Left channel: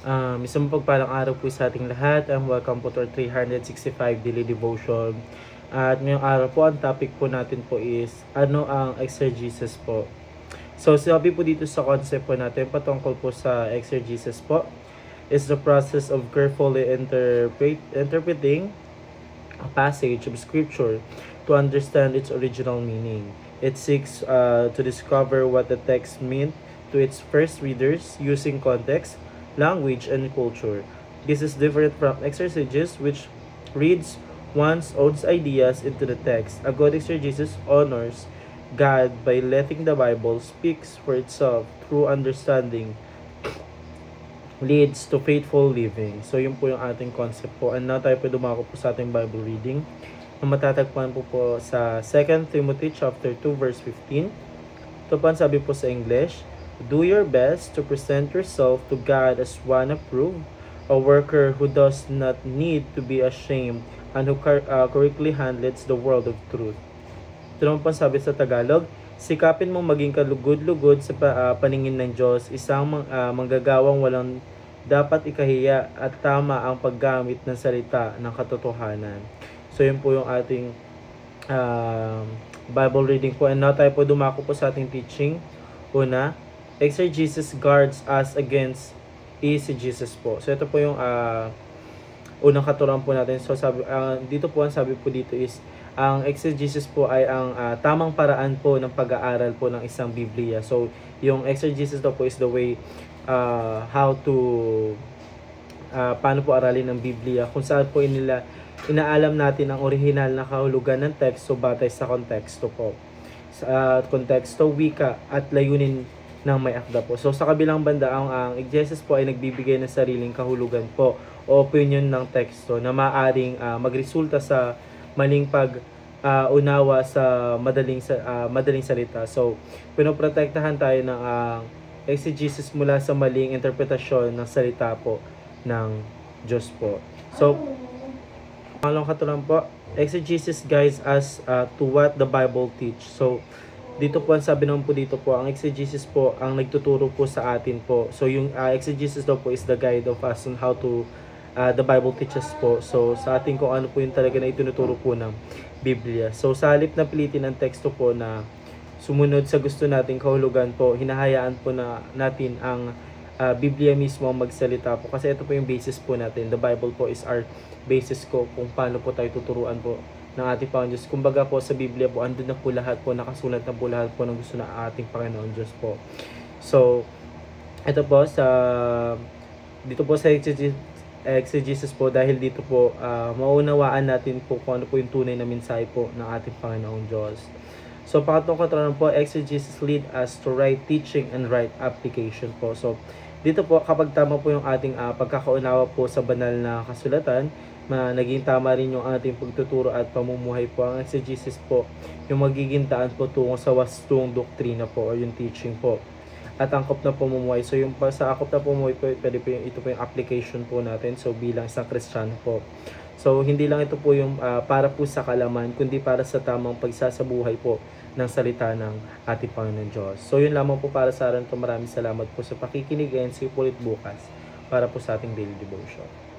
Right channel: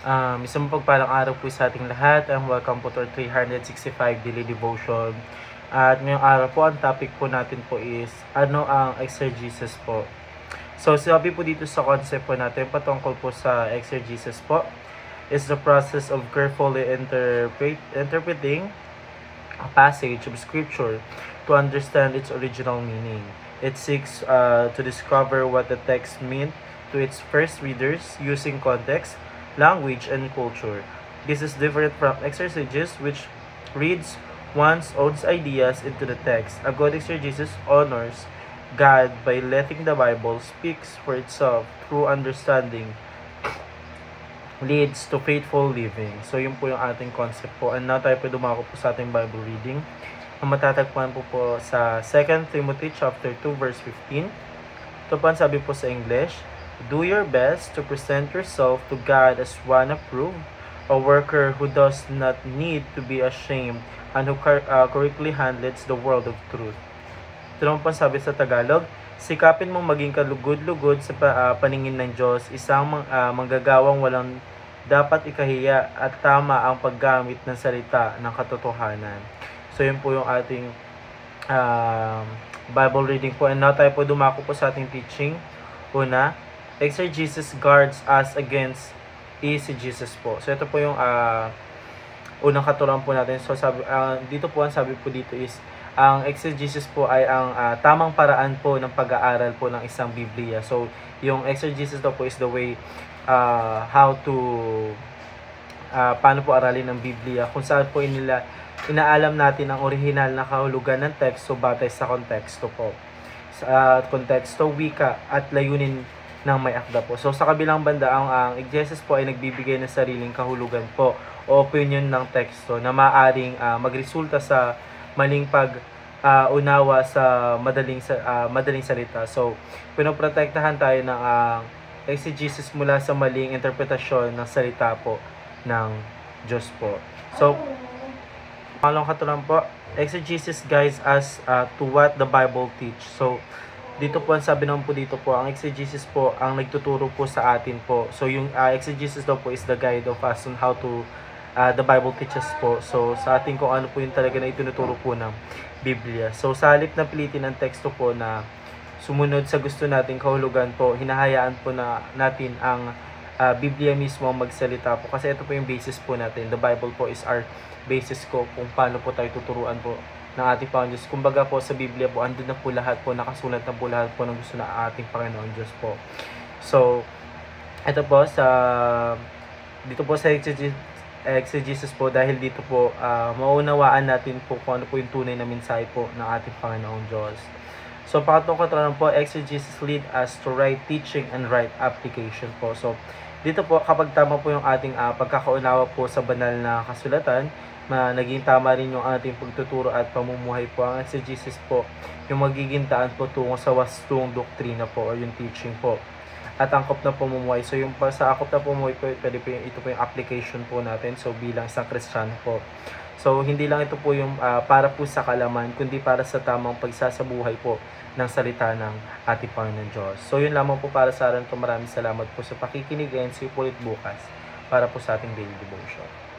Isang pagpalang araw po sa ating lahat, and welcome po to our 365 daily devotion. At ngayong araw po, ang topic po natin po is, ano ang exegesis po? So, sabi po dito sa concept po natin, patungkol po sa exegesis po, is the process of carefully interpreting a passage of scripture to understand its original meaning. It seeks to discover what the text meant to its first readers using context, language, and culture. This is different from exegesis, which reads one's own ideas into the text. A good exegesis honors God by letting the Bible speak for itself through understanding leads to faithful living. So, yun po yung ating concept po. And now tayo po dumako po sa ating Bible reading. Ang matatagpuan po sa 2 Timothy chapter 2 verse 15. Ito po ang sabi po sa English, "Do your best to present yourself to God as one approved, a worker who does not need to be ashamed and who correctly handles the word of truth." Ito naman po ang sabi sa Tagalog, "Sikapin mong maging kalugod-lugod sa paningin ng Diyos, isang manggagawang walang dapat ikahiya at tama ang paggamit ng salita ng katotohanan." So, yun po yung ating Bible reading po. And now tayo po dumako po sa ating teaching. Una, exegesis guards us against eisegesis po. So, ito po yung unang katuruan po natin. So, dito po ang sabi po dito is, ang exegesis po ay ang tamang paraan po ng pag-aaral po ng isang Biblia. So, yung exegesis po is the way how to paano po aralin ng Biblia, kung saan po inaalam natin ang original na kahulugan ng teksto batay sa konteksto po. Sa konteksto, wika at layunin ng may akda po. So, sa kabilang banda, ang exegesis po ay nagbibigay ng sariling kahulugan po o opinion ng teksto na maaaring magresulta sa maling unawa sa madaling salita. So, pinoprotektahan tayo ng exegesis mula sa maling interpretasyon ng salita po ng Diyos po. So, pangalawang katuruan po, exegesis guides us to what the Bible teach. So, dito po ang sabi naman po dito po, ang exegesis po ang nagtuturo po sa atin po. So, yung exegesis daw po is the guide of us on how to the Bible teaches po. So, sa atin kung ano po yung talaga na itinuturo po ng Biblia. So, sa halip na pilitin ang teksto po na sumunod sa gusto nating kahulugan po, hinahayaan po natin ang Biblia mismo magsalita po. Kasi ito po yung basis po natin. The Bible po is our basis ko kung paano po tayo tuturuan po ng ating Panginoon Diyos. Kumbaga po sa Biblia po, andun na po lahat po, nakasulat na po lahat po ng gusto ng ating Panginoon Diyos po. So, ito po dito po sa exegesis po, dahil dito po maunawaan natin po kung ano po yung tunay na mensahe po ng ating Panginoong Diyos. So, pangatlong katuruan po, exegesis lead us to right teaching and right application po. So, dito po, kapag tama po yung ating pagkakaunawa po sa banal na kasulatan, naging tama rin yung ating pagtuturo at pamumuhay po. Ang exegesis po, yung magiging daan po tungo sa wastong doktrina po o yung teaching po. At angkop na pamumuhay. So, yung sa angkop na pamumuhay po, ito po yung application po natin. So, bilang isang Kristiyano po. So, hindi lang ito po yung para po sa kalaman, kundi para sa tamang pagsasabuhay po ng salita ng ating Panginoon Diyos. So, yun lamang po para sa akin. Maraming salamat po sa pakikinig and see you po ulit bukas para po sa ating daily devotion.